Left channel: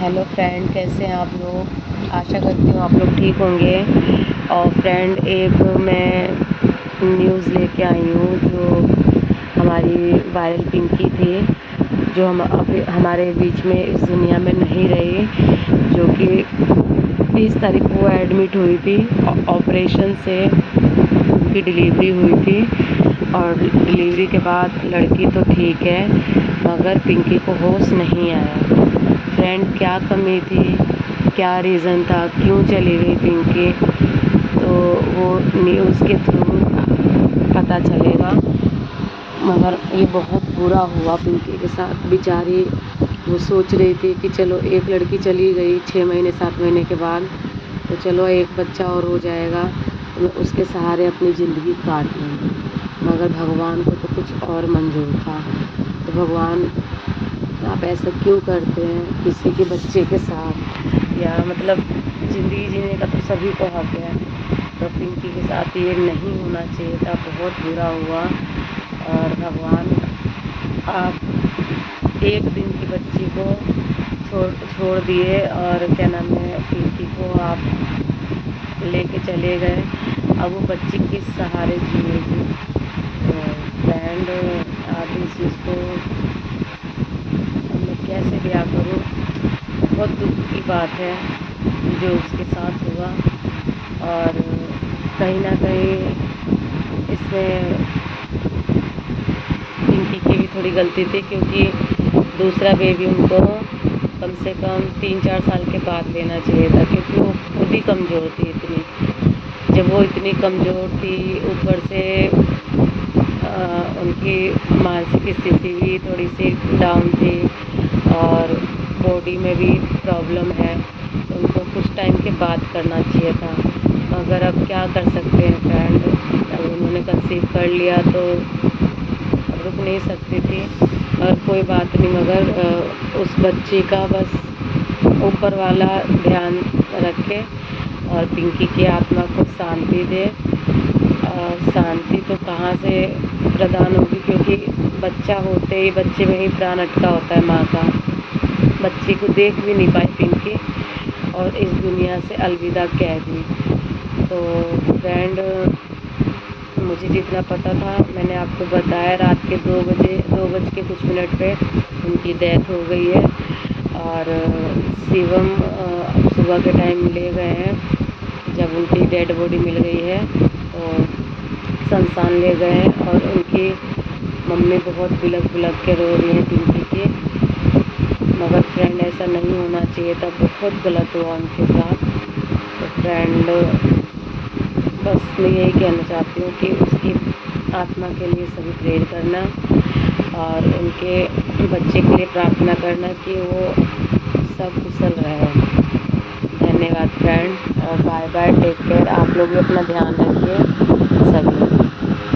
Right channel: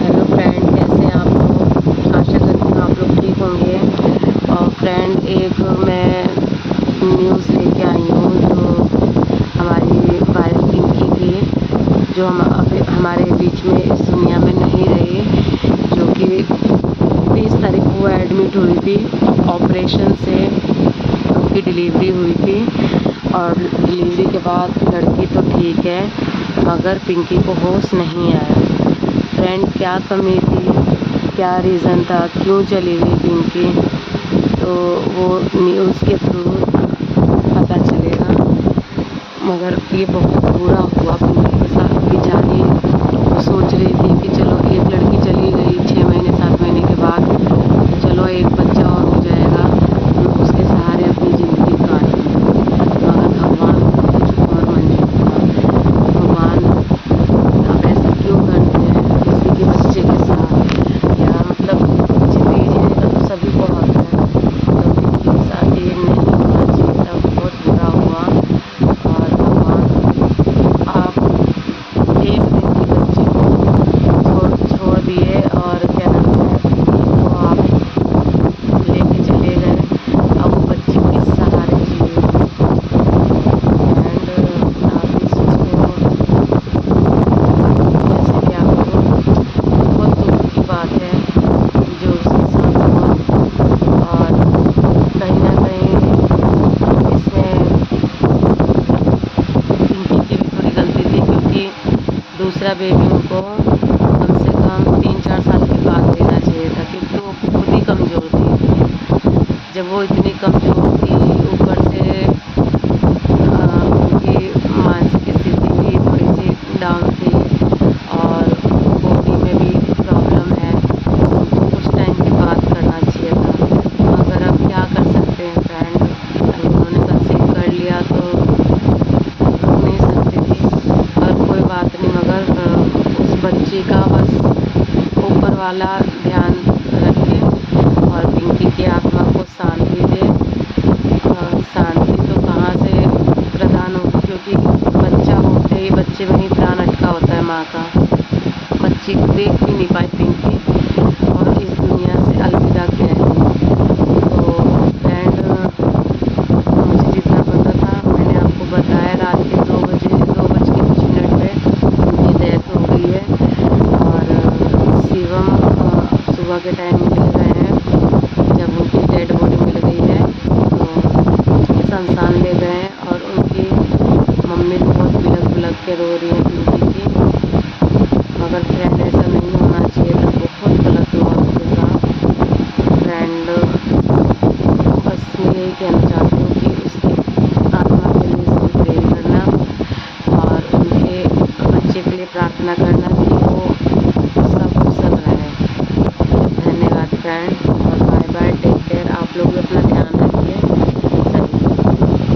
Hello friend, कैसे हैं आप लोग। आशा करती हूँ आप लोग ठीक होंगे। और फ्रेंड, एक मैं न्यूज़ लेके आई हूँ जो हमारी वायरल पिंकी थी, जो हम अभी हमारे बीच में इस दुनिया में नहीं रही, जो कि 20 तारीख को एडमिट हुई थी। ऑपरेशन से उनकी डिलीवरी हुई थी और डिलीवरी के बाद लड़की तो ठीक है, मगर पिंकी को होश नहीं आया। फ्रेंड, क्या कमी थी, क्या रीज़न था, क्यों चली गई पिंकी, तो वो न्यूज़ के थ्रू पता चलेगा। मगर ये बहुत बुरा हुआ पिंकी के साथ। बेचारी वो सोच रही थी कि चलो एक लड़की चली गई 6 महीने 7 महीने के बाद, तो चलो एक बच्चा और हो जाएगा, तो उसके सहारे अपनी ज़िंदगी काट ली। मगर भगवान को कुछ और मंजूर था। भगवान आप ऐसा क्यों करते हैं किसी के बच्चे के साथ। या मतलब ज़िंदगी जीने का तो सभी को हक है, तो पिंकी के साथ ये नहीं होना चाहिए था। बहुत बुरा हुआ। और भगवान, आप एक दिन की बच्ची को छोड़ दिए और क्या नाम है, पिंकी को आप लेके चले गए। अब वो बच्ची किस सहारे जिएगी। फ्रेंड, आप इस चीज़ को कैसे क्या करो, बहुत दुख की बात है जो उसके साथ हुआ। और कहीं ना कहीं इसमें पिंकी की भी थोड़ी गलती थी, क्योंकि दूसरा बेबी उनको कम से कम 3-4 साल के बाद देना चाहिए था, क्योंकि वो खुद ही कमज़ोर थी। जब वो इतनी कमज़ोर थी, ऊपर से उनकी मानसिक स्थिति भी थोड़ी सी डाउन थी और बॉडी में भी प्रॉब्लम है, तो उनको कुछ टाइम के बाद करना चाहिए था। मगर अब क्या कर सकते हैं फ्रेंड, अब उन्होंने कंसीव कर लिया तो रुक नहीं सकती थी। और कोई बात नहीं, मगर उस बच्चे का बस ऊपर वाला ध्यान रखे और पिंकी की आत्मा को शांति दे। शांति तो कहाँ से प्रदान होगी, क्योंकि बच्चा होते ही बच्चे में ही प्राण अटका होता है माँ का। बच्ची को देख भी नहीं पाई पिंकी और इस दुनिया से अलविदा कह दी। तो फ्रेंड, मुझे जितना पता था मैंने आपको बताया। रात के 2 बज के कुछ मिनट पे उनकी डेथ हो गई है। और शिवम सुबह के टाइम ले गए हैं, जब उनकी डेड बॉडी मिल गई है तो शमशान ले गए हैं। और उनकी मम्मी बहुत बिलख के रो रही है पिंकी की। मगर फ्रेंड, ऐसा नहीं होना चाहिए था, बहुत गलत हुआ उनके साथ। तो फ्रेंड, बस मैं यही कहना चाहती हूँ कि उसकी आत्मा के लिए सभी प्रे करना और उनके बच्चे के लिए प्रार्थना करना कि वो सब कुशल रहे। धन्यवाद फ्रेंड, और बाय बाय, टेक केयर। आप लोग भी अपना ध्यान रखिए।